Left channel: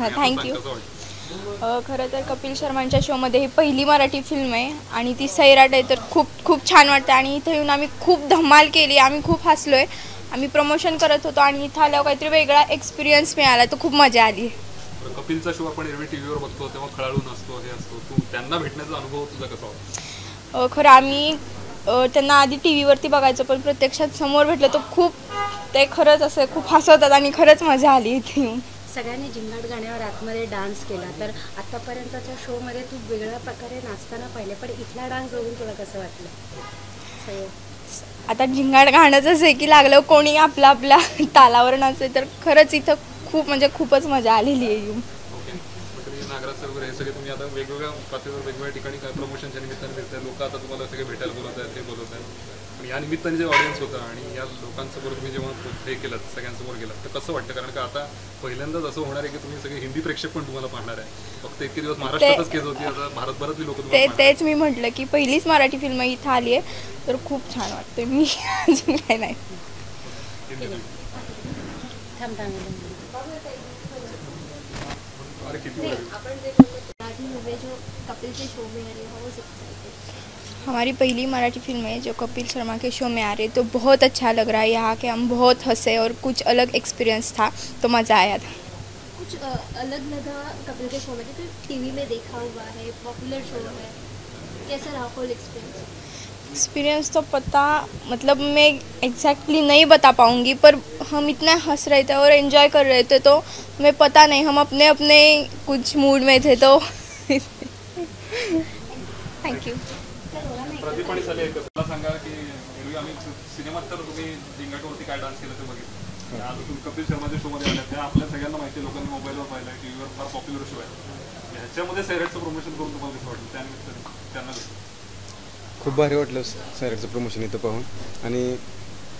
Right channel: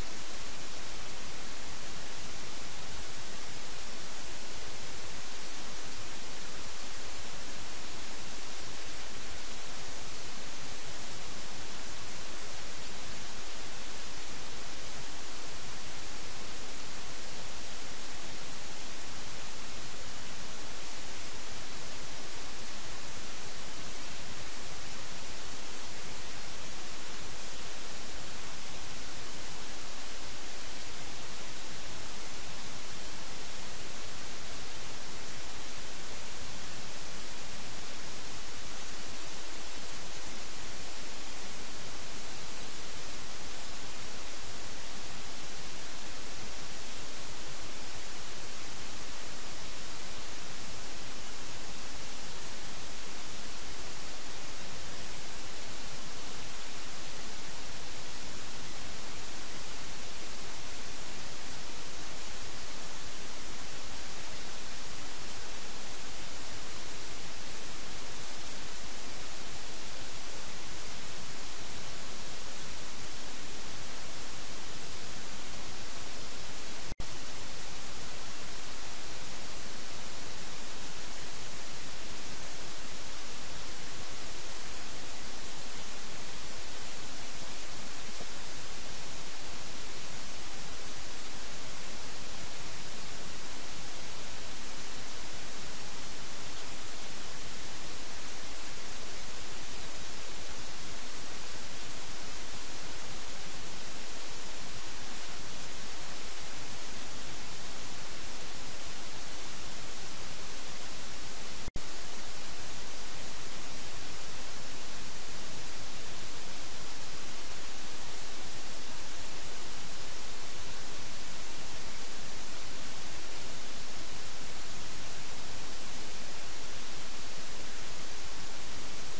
Thank you. खरं तर कपिल शर्मांच्या शोमध्ये ही पहिली मराठी फिल्म आहे आणि ती सैराट आहे, तर खूप खूप छान वाटतं. आणि इथं येऊन आम्ही खूप धमाल केली, आम्ही खूप हसलो आहे. आम्ही प्रमोशन करत होतो आणि इथं आल्यावर काहीतरी वेगळा एक्सपिरियन्स मिळाला, तर खूप मजा आली. कपिलचा शो आपण एरवी टीव्हीवर बघतो तेव्हा खळाळून असतो, हे असतो, तू त्यांना भेटण्याचा अनुभव तुझा कसा होता? खरं आम्ही त्यांना आधी टी व्हीवरती बघायचो, पण प्रत्यक्षात समोर भेटलं तर खूप ते खरंच असं खूप हसवतात आणि खरंच मजा आली इथे येऊन. सगळ्यांनी झिंगाट गाण्यावर आतमध्ये डान्स केला, तर आतापर्यंतच्या शोमध्ये तू वेगळ्या प्रकारे नाचताना पाहिले, पण इथला डान्स बघून तुला कसं वाटलं? आता झिंगाट गाणंच आहे की लागलं कोणी आपला आपल्या तालावर नाचते, तर खरंच इथं खूप म्हणजे खूपच मजा आलेली आहे येऊन. नागराज सर हे सगळे तुम्ही आता वेगवेगळ्या पातळीवर वेगवेगळ्या ठिकाणी प्रमोशनच्या निमित्ताने भेटतात, लोक आता तुम्हाला सगळे भेटायला बोलत आहेत, ते बोलत आहेत. या निमित्ताने जे ऑडियन्स होतं आणि या लोकांसमोर तुम्ही जेव्हा हे केलं, सगळ्यांसमोर गेलात, तर कसं वाटतं? कारण का आता पहिल्यांदाच असं होणार आहे की तुम्ही सगळे हिंदी प्रेक्षक पण तुम्हाला पाहणार आहे. फक्त इतके दिवस महाराष्ट्रातच केस होती, आता भारतभरातली लोक तेच मी म्हटलं की पहिलीच मराठी फिल्म इथं आली आहे, तर खूप छान वाटते. मी अजून काय नाही. हमारी पहली मराठी फिल्म है जो कपिल शर्मा के शो में आ रही है, तो बहुत अच्छा लग रहा है. यहाँ के हम बहुत हंसे और कुछ अलग एक्सपीरियंस था, तो मज़ा आया था. कुछ अलग लगा कपिल के शो में, तो टीवी में देखा हुआ है, पॉपुलर शो है, कैसा रहा होल एक्सपीरियंस? तो पता मतलब मैं एग्जैक्टली नहीं बता पाऊँगी, पर हम इतना हंस रहे थे और एंजॉय कर रहे थे, तो मैं पता नहीं, हम अपने अपने कुछ मूड में थे. तो थँक्यू. प्रदीप आणि सले तुला सांगा की एरवी आम्ही सिनेमात तर तुम्ही झिंगाटवरती काय डान्स केलं ते बघितलं, आज तुम्ही कपिल शर्माच्या शोमध्ये आल्या, त्या आपल्या सगळ्यांना माहिती, लोकांनी मोबाईलवर पाहिलं, टीव्हीवर फार पॉप्युलर शो आहे. ह्याच्यामध्ये सैराटचं प्रमोशन करून तुम्हाला कसं वाटलं? त्यानिमित्त त्यांना खूप भारी वाटलं सैराटचं प्रमोशन इथं पाहून. आणि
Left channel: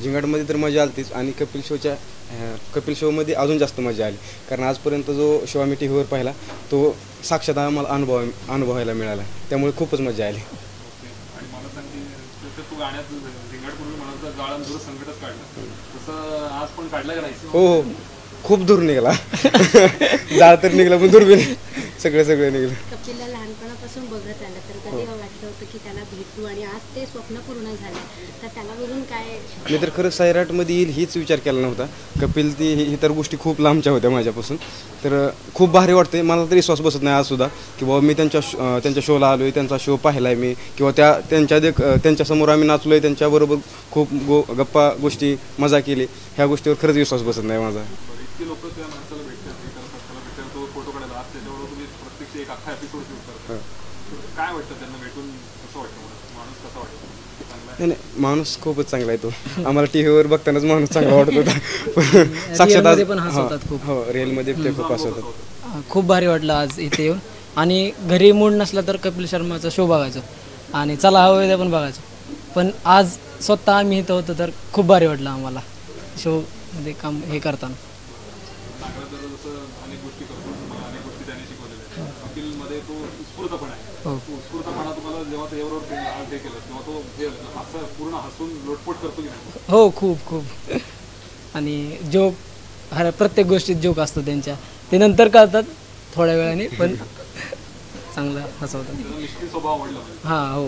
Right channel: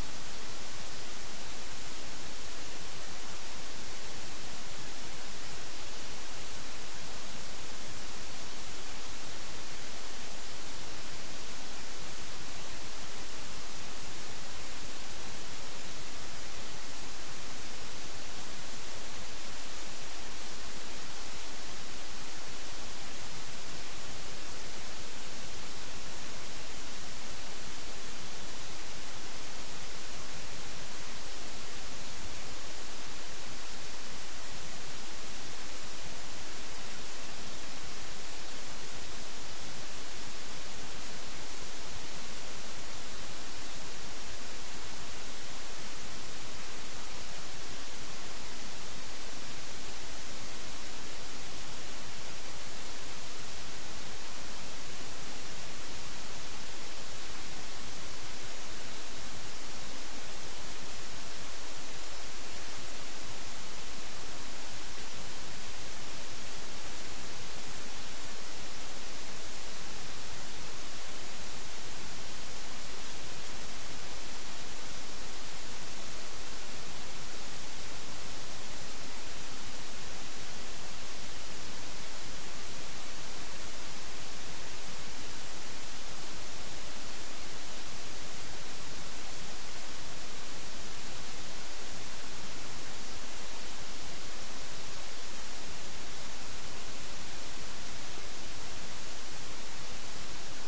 झिंगाटमध्ये तर मजा आलीच, आणि कपिल शोमध्ये अजून जास्त मजा आली, कारण आजपर्यंत जो शो आम्ही टी व्हीवर पाहिला तो साक्षात आम्हाला अनुभवायला मिळाला, त्यामुळे खूपच मजा आली. हो हो, खूप दूर निघाला. जाळ तर निघाला, पण दूर बी सगळं निघालं. कपिलला लहानपणापासून बघत आलं, तर कधी वाटलं होतं की त्याला भेटू, आणि आज ते स्वप्न पूर्ण झालं, तर त्याला बघून काय? मी तर खरं सैराटमध्ये येईल हीच विचार केला नव्हता. कपिल ती इतर गोष्टी खूप लांबच्या होत्या माझ्यापासून, तर खूप भारी वाटते. मला तरी विश्वास बसत नाही आज सुद्धा की बाबा मी त्यांच्या शोला आलो आहे, त्यांचा शो पाहिला आहे मी, किंवा त्यांच्यासमोर आम्ही नाचलो आहे, त्यांच्याबरोबर खूप गप्पा गोष्टी मजा केली. ह्या गोष्टीवर खरंच विश्वास बसत नाही माझा. नाही, माणूस खूपच चांगला आहे तो. आम्हाला टी व्हीवर बघतानाच माणूस चांगला वाटत होता, साक्षात हो रिअलमध्ये ते खूप हसवतात. खूप भारी वाटलं आज इथे येऊन. आणि घरी मूड नसला तर कपिल शर्माचा शो बघायचो, आणि चला हवं ते पण बघायचो. पण आज स्वतः आम्ही इथं होतो, तर खूप भारी वाटलं आम्हाला शो मध्ये काम हे करताना. हो खूप. आणि जोक, प्रत्येक गोष्टीत जोक असतो त्यांच्या, ते नंतर कळतात थोड्या वेळाने, पण चांगलं हसवतात. हां हो.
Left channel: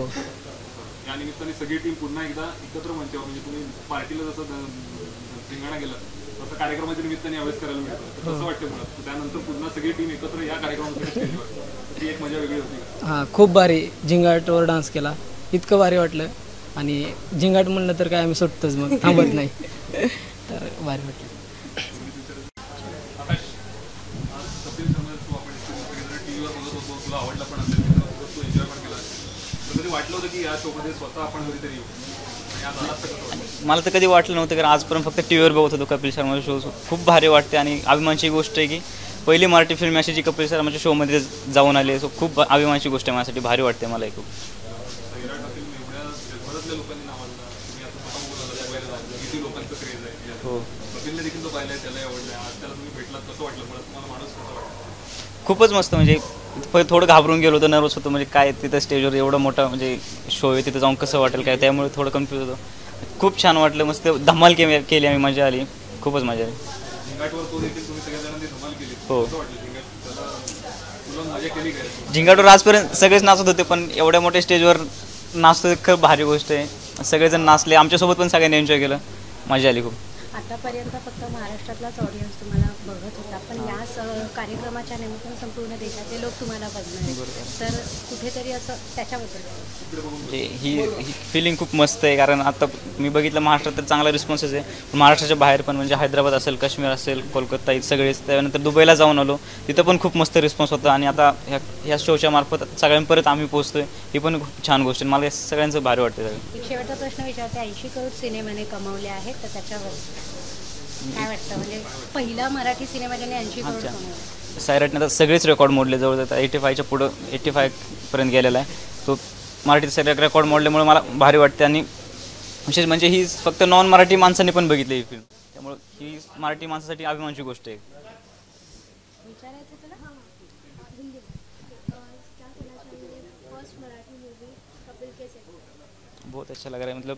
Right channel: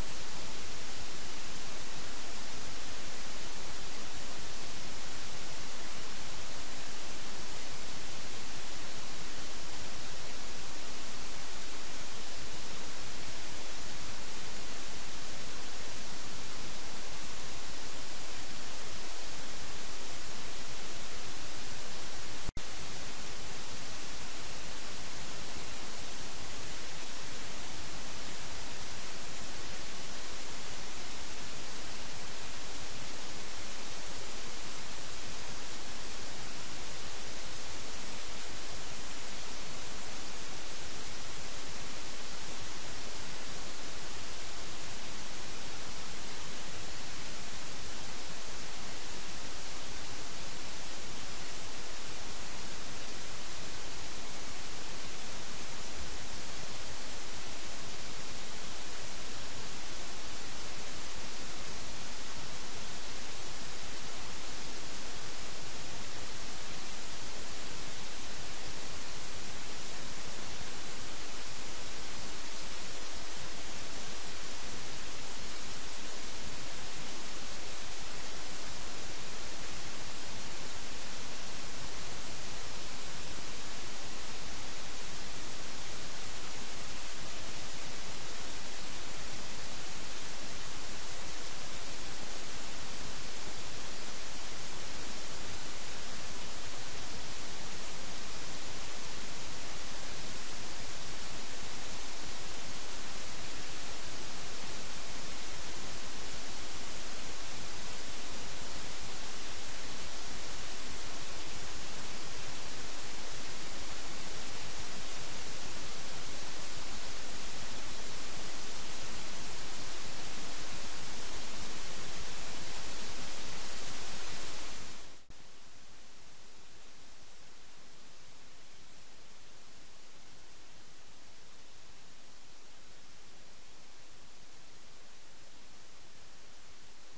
या निमित्ताने सगळी टीम पुन्हा एकदा एकत्र म्हणते, म्हणजे तुम्ही पार्टीला जसं धिंगाणा गेला तसं कार्यक्रमाच्या निमित्ताने यावेळेस करायला मिळतं, कसं वाटतं मुळात? त्यानंतर पुन्हा सगळी टीम एकत्र या कार्यक्रमामध्ये ती एक मजा वेगळी होती. हां खूप भारी. झिंगाटवर डान्स केला, इतकं भारी वाटलं. आणि झिंगाट म्हणलं तर काय आम्ही सुटतोच, मग थांबत नाही, तर भारी वाटलं. मला तर कधी वाटलं नव्हतं, कारण आजपर्यंत फक्त टी व्हीवर बघत होतो कपिल शर्माचा शो. खूप भारी वाटते आणि अभिमानाची गोष्ट आहे की पहिली मराठी फिल्म अशी जी कपिल शर्माच्या शोमध्ये जाऊन आली. सो खूप अभिमानाची गोष्ट आहे माझ्यासाठी, भारी वाटते मला खूप. खूपच मस्त. म्हणजे थोडं घाबरून गेलो होतो, नर्वस होतो, म्हणजे काय तिथं स्टेजवर एवढं मोठा म्हणजे शो आहे, तिथं जाऊन कसं वाटेल काय, त्यामुळे थोडं कन्फ्यूज होतो. खूप छान वाटलं, मस्त धमाल केली आम्ही, मजा आली, खूपच मजा आली. झिंगाटवर तो देखील तुम्ही सगळ्या धमाल केली. हो. कसं वाटलं झिंगाट? तुला मजा केली काय? झिंगाटवर आजपर्यंत सगळेच नाचत होते, पण एवढ्या मोठ्या स्टेजवर नाचतो खूप भारी गोष्ट आहे. सगळेजण नाचले, आमच्यासोबत पण सगळ्यांनी एन्जॉय केलं, मजा आली खूप. आतापर्यंत फक्त महाराष्ट्रातलाच ऑडियन्स तुम्हाला बघत होता, पण या कार्यक्रमाच्या निमित्तानं संपूर्ण देशातले लोक तुम्हाला बघणार आहेत. तर कुठेतरी असं त्याच्याबद्दल म्हणजे ही फिलिंग खूप मस्त आहे, कारण आता मी बघितलं महाराष्ट्रात तर चांगला रिस्पॉन्सच आहे. महाराष्ट्राच्या बाहेर पण म्हणजे हैदराबाद असेल, काश्मीर असेल, कोलकाता इथं सगळेच. त्यानंतर दुबईला जाऊन आलो, तिथं पण खूप मस्त रिस्पॉन्स होता. आणि आता ह्या शोच्या मार्फत सगळ्यांपर्यंत आम्ही पोहोचतोय, ही पण खूप छान गोष्ट आहे. मला सगळ्यांचं भारी वाटतं. एक शेवटचा प्रश्न विचारते, 80 करोड सिनेमाने कमावले आहेत, तर त्याच्यावर काय वाटतं? म्हणजे पहिला मराठी सिनेमा ज्याने 80 करोड कमावले. सैराटने आता सगळेच रेकॉर्ड मोडले, जवळ 85च्या पुढं 85पर्यंत गेलेला आहे. तो मराठी सैराट रेकॉर्ड मोडल्यामुळे मला भारी वाटते. आणि विशेष म्हणजे ही फक्त नॉन मराठी माणसांनी पण बघितली ही फिल्म, त्यामुळे ही मराठी माणसासाठी अभिमानाची गोष्ट आहे. बहुत अच्छा लग रहा है, मतलब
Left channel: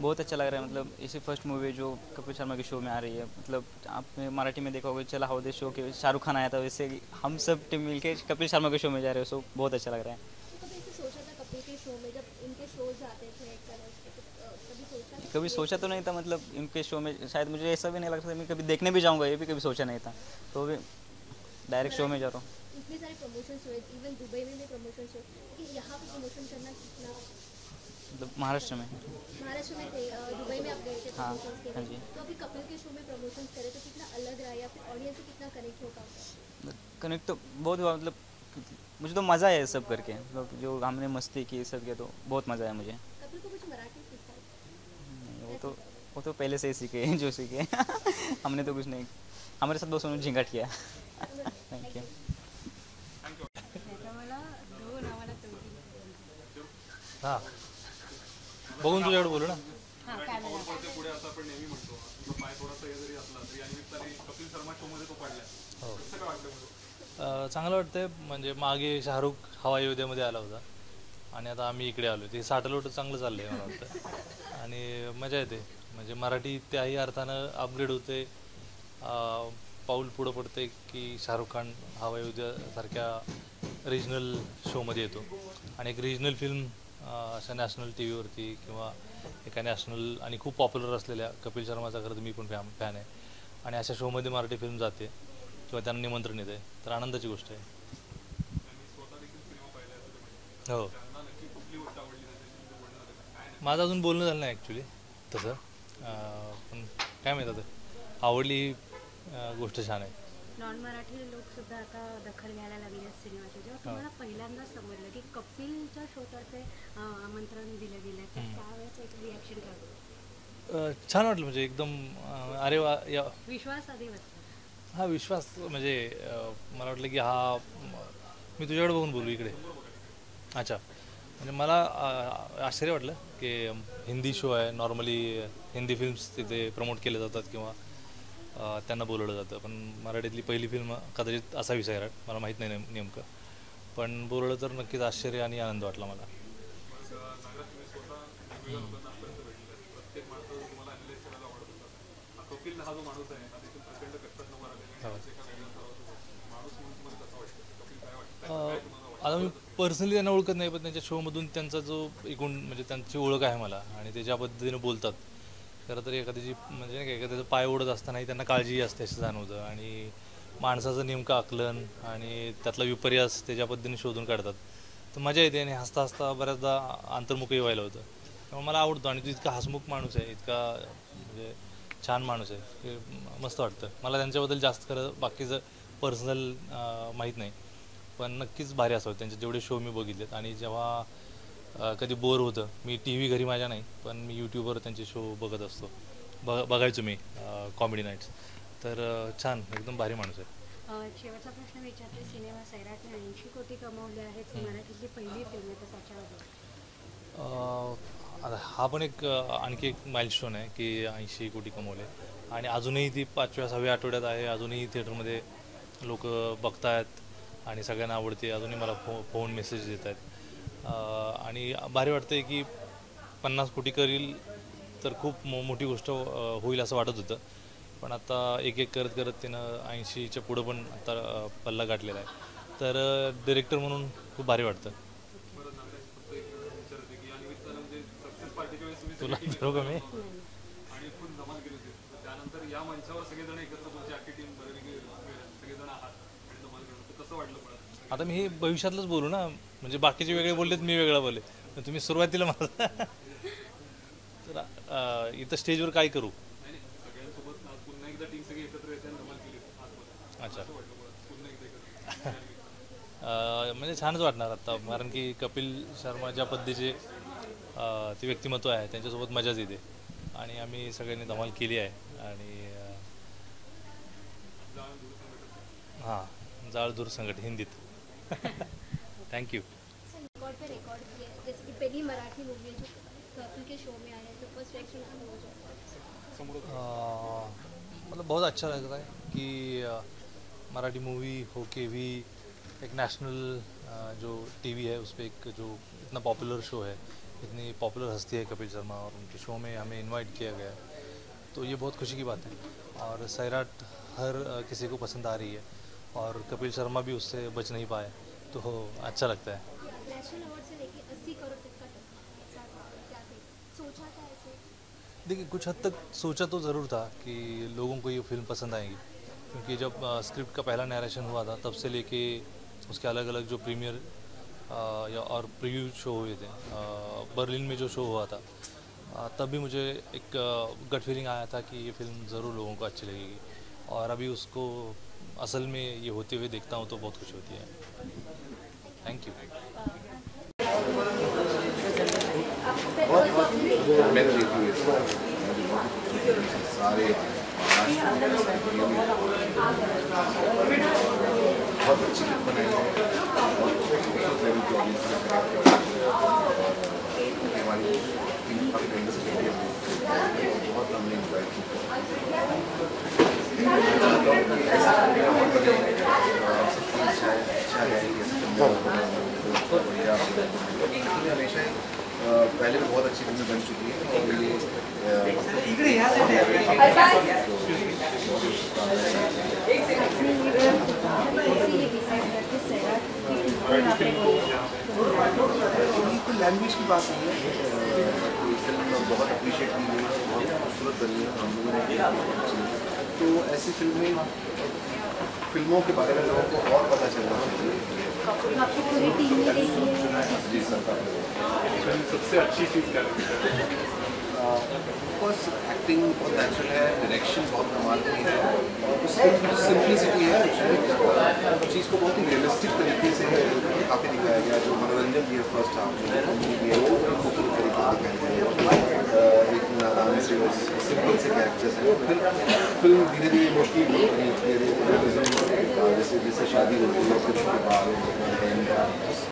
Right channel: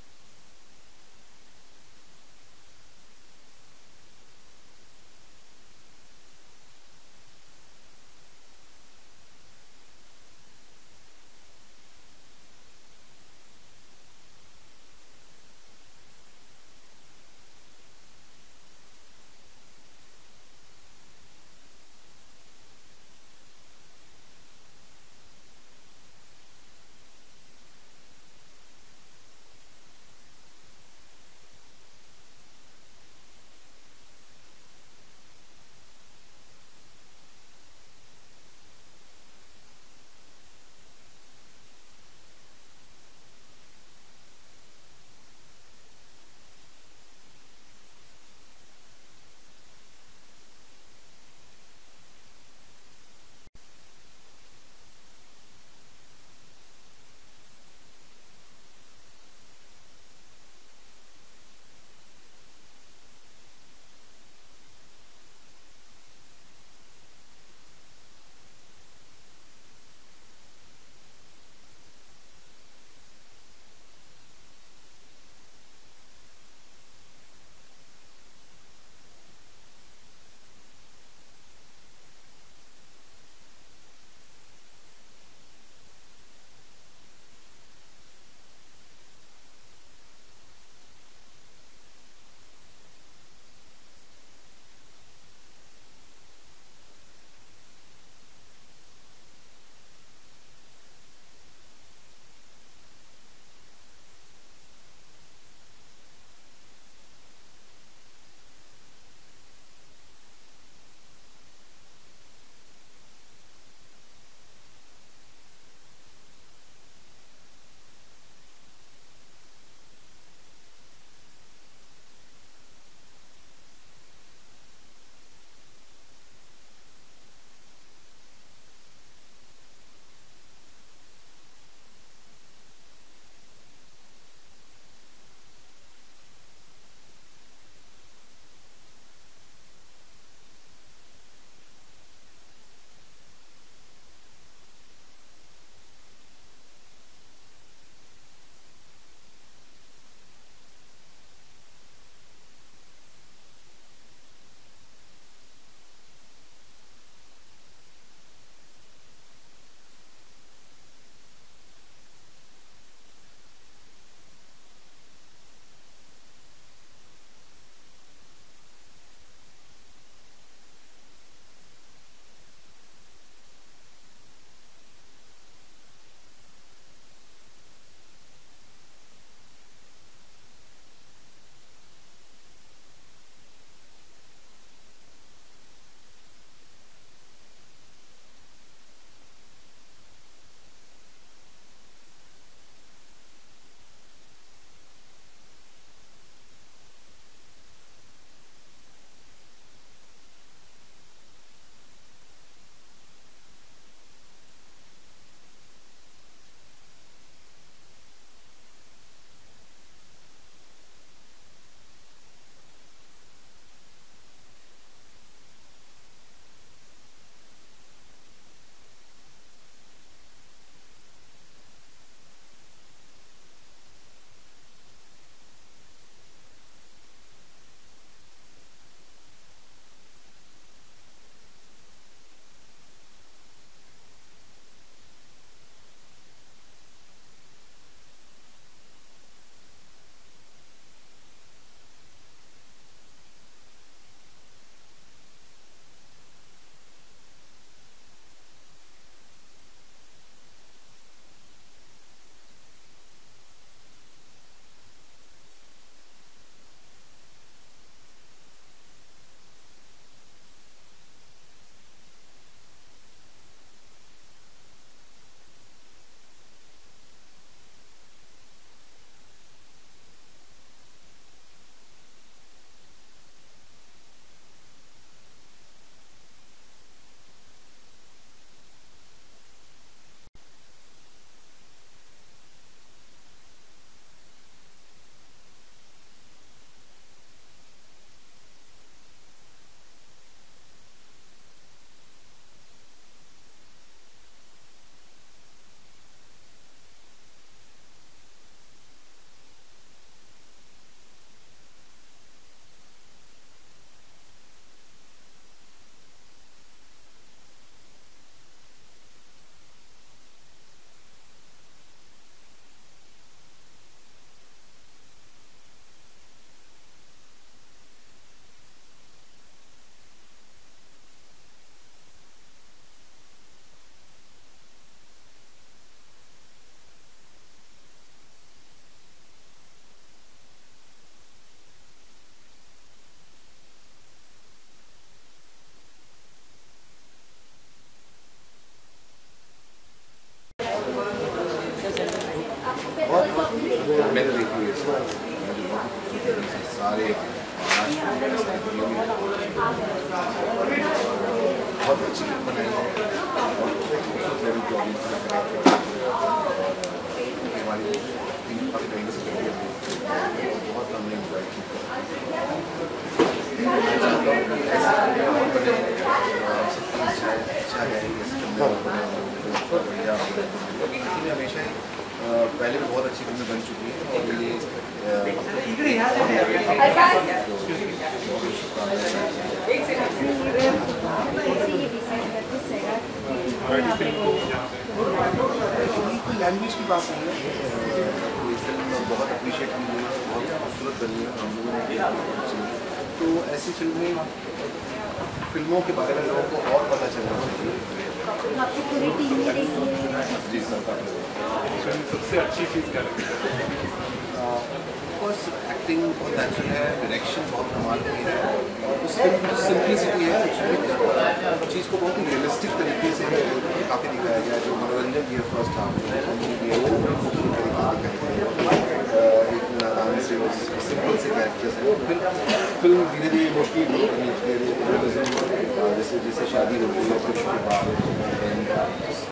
बहुत अच्छा लग रहा है. मतलब इसी फर्स्ट मूवी जो कपिल शर्मा के शो में आ रही है. मतलब आपने मराठी में देखा होगा, चला हो दे शो के शाहरुख खान आया था, वैसे हम सब टीम मिलके कपिल शर्मा के शो में जा रहे हो. सो बहुत अच्छा लग रहा है. कभी सोचा तो नहीं था, मतलब इनके शो में शायद मुझे ऐसा भी नहीं लगता था मैं कभी देखने भी जाऊंगा, ये भी कभी सोचा नहीं था. तो भी डायरेक्ट शो में जा रहा हूँ. इतने सारे प्रमोशंस हुए, इवन दुबई में भी प्रमोशंस हुए, लेकिन यहाँ पे प्रमोशन करना कितना? मतलब महाराष्ट्र में थे, दुबई में आप गए थे हाँ, प्रमोशंस के हाँ लिए. जी. तो अभी कपिल के शो में प्रमोशंस करे तो कितना अलग रहा, या फिर ऑडियंस से कितना कनेक्ट हो पाता? कनेक्ट तो बहुत हुआ. मतलब मुझे तो मज़ा आया सब करके, मतलब जो हमने मस्ती की सब किया, तो बहुत मज़ा आया मुझे. कपिल को कुछ मराठी सीखा है? वो तो पहले से ही सीखे जो सीखे. हमने तो कुछ नहीं, हमारे साथ दोस्तों ने झिंगाट किया. Thank you. हां, बघून तुझ्याकडे बोलू ना. पुढे असं आपण नेहमी म्हणतो, तुझा पाय थोडासा हे जरी असला तरी या निमित्ताने कपिल शर्मा शो मध्ये तो पडलाय. कसं काय वाटतं? चांगलं वाटतंय. म्हणजे मागे शाहरुख हवाई अयोध्येमध्ये आला होता, आणि आता आम्ही इकडे आलो. ते साठलोट चांगलं चाललंय मला वाटतं, आणि मजा येते. म्हणजे मराठी त्याही अर्थानं अपग्रेड होते, पाऊल पुढं पडते की शाहरुख खान हवाई अयोध्यासारख्या रिजनल शोमध्ये येतो, आणि एक रिजनल फिल्म अशा नॅशनल टी व्हीवरती किंवा एका नॅशनल आणि खूप पॉप्युलर असलेल्या कपिल शर्माचा खरं तर मी पण फॅन आहे, आणि अशा शोमध्ये मराठी फिल्म जाते किंवा त्यांना निमंत्रण येते, तर आनंदाची गोष्ट आहे. हो, माझं अजून बोलणं झालं नाही ॲक्च्युली तसं, पण काय माहीत आता आवडली गोष्ट छान आहे. नॉन मराठी लोक सुद्धा आता दखल घ्यायला लागले सिनेमाचे. जेव्हा तुम्हाला पहिल्यांदा समजलं की कपिलच्या शोतर्फे आमंत्रण दिलं गेलं, तर त्यावेळेस एक रिॲक्शन काय? छान वाटलं. म्हणजे एकदम अरे वा, या विश्वास आधी वाटतो. हा विश्वास म्हणजे मला वाटलं की हा मी तुझ्याकडे बघून बोलू इकडे. अच्छा, म्हणजे मला आश्चर्य वाटलं की हिंदी शो आहे, नॉर्मली हिंदी फिल्म्स तिथे प्रमोट केले जातात किंवा त्यांना बोलवलं जातं, पण मराठीतली पहिली फिल्म कदाचित असावी सैराट, मला माहीत नाही नेमकं, पण बोलवलं तर नक्कीच आश्चर्य आणि आनंद वाटला मला. आता मी पर्सनली त्यांना ओळखत नाही, पण त्यांच्या शोमधून त्यांचा जो एकूण म्हणजे त्यांची ओळख आहे मला, आणि ते ज्या पद्धतीने बोलतात, खरं तर एखाद्याची म्हणजे नाही का एखाद्याचा पाय ओढत असतानाही त्यांना काळजी असते असं जाणवतं, आणि माणसाचं नेमकं आकलन आणि त्यातला विपर्यास ते ज्या पद्धतीने शोधून काढतात, तर मजा येते. आणि हसता हसता बऱ्याचदा अंतर्मुखही व्हायला होतं, त्यामुळे मला आवडतो. आणि तो इतका हसमुख माणूस आहे, इतका म्हणजे छान माणूस आहे, ते मस्त वाटतं मला. त्यांच्याबद्दल जास्त खरं बाकीचं पर्सनल माहीत नाही, पण नक्कीच भारी असावं त्यांचे जेवढे शो मी बघितलेत. आणि जेव्हा कधी बोर होतं, मी टी व्ही घरी माझ्या नाही, पण मी यूट्यूबवर त्यांचे शो बघत असतो, बघायचो मी कॉमेडी नाईट्स. तर छान, एकदम भारी माणूस आहे. शेवटचा प्रश्न विचारते, सिनेमा सैराटने 80 कोटी कमावले आहेत, मराठीतली पहिली फिल्म आहे, तर त्याच्यावर आता हा पण एक आणखी एक माइलस्टोन आहे की 80 कोटी कमवले, आणि अजूनही ती 5व्या-6व्या आठवड्यात आहे, अजूनही थिएटरमध्ये लोक बघतायत आणि सगळ्यांना आवडते. अजूनही मला फोन मेसेज येत आहेत, आणि भारी वाटते की 50 कोटी करील तर खूप मोठी गोष्ट होईल असं वाटत होतं. पण आता एक एक करत करत तिनं 80च्या पुढं पण आता पल्ला गाठलेला आहे. तर डिरेक्टर म्हणून खूप भारी वाटतं. तुला विचारू का मी? आता मी हे भविष्यातलंच बोलू ना, म्हणजे बाकीचे वेगळे बोललेत, मी वेगळा बोलले. तुम्ही सुरुवातीला मला तर इथं स्टेजवर काय करू? अच्छा. म्हणजे छानच वाटणार आता, कारण की कपिल शर्मा ज्या पद्धतीचे ते व्यक्तिमत्व आहे त्यांच्यासोबत मजाच येते आणि आम्ही सगळ्यांनी धमाल केली आहे. आणि हां, जाळ दूर संकट हिंदीत. थँक्यू. रिकॉर्ड पे रिकॉर्ड किए, जैसे कि पहली मराठी मूवी है जो कपिल के शो में आई है, तो फर्स्ट रिएक्शन आपका हो जाएगा? मतलब बहुत अच्छा लग रहा है कि मराठी मूवी होके भी एक नेशनल जो टीवी है उस पर एक जो इतना पॉपुलर शो है, इतनी पॉपुलर हस्ती है कपिल शर्मा, और उनके शो में हमें इनवाइट किया गया है, तो ये बहुत खुशी की बात है. और सैराट हर किसी को पसंद आ रही है और कपिल शर्मा भी उससे बच नहीं पाए, तो अच्छा लगता है. नेशनल अवार्ड से लेके 80 करोड़ तक का क्या सोचा था ऐसे? देखिए, कुछ हद तक सोचा तो ज़रूर था कि लोगों को ये फिल्म पसंद आएगी, क्योंकि जब स्क्रिप्ट का पहला नरेशन हुआ था तब से लेके उसके अलग अलग जो प्रीमियर या और प्रीव्यू शो हुए थे, बर्लिन में जो शो हुआ था, तब भी मुझे एक गट फीलिंग आया था कि ये फिल्म ज़रूर लोगों को अच्छी लगेगी. और अभी उसको असल में ये होते हुए देखता हूँ तो बहुत खुशी होती है. Thank you. मैंने देखी है इसको, मुझे बहुत खूबसूरत लगी. सारे बहुत अच्छी फिल्म बनाई है, बहुत खूबसूरत लेवल की ऑडियंस ने कनेक्ट किया. हमारी टीम काफ़ी मेंबर्स के लिए बहुत हमने इंजॉय की. मैं चाहता हूँ कि ऐसी फिल्में और बने, सबकी इच्छा है कि ऐसी फिल्में और बने, बढ़िया. क्योंकि हमेशा ही पहले भी बहुत अच्छी फिल्में बन चुकी हैं और ये कोई लैंग्वेज की बात नहीं है. ये फिल्म बहुत अप्रिशिएट की गई है, बहुत खूबसूरत बनी है, हम लोगों ने. तो ऐसी फिल्मों के बारे में लोगों को और पता चलना चाहिए. आपकी पूरी टीम ने देखी है? जी सर. सबसे अच्छी चीज़ क्या लगती है? ऑफकोर्स एक्टिंग बहुत नेचुरल है, डायरेक्शन बहुत कमाल की है, और उस फिल्म की जो सिंप्लिसिटी है उसमें चीज़ को बहुत ही रियलिस्टिक तरीके से काफ़ी दिखाया गया. जो मनोरंजन भी है फर्स्ट हाफ में, कॉमेडी भी है, वो बड़ी खूबसूरत तरीके से दिखाई गई. एक नादान से सिंपल से कैरेक्टर्स हैं. फिर फिल्म धीरे धीरे इमोशनल रियलिज्म जैसे जैसे शादी होती है फिर उसके बाद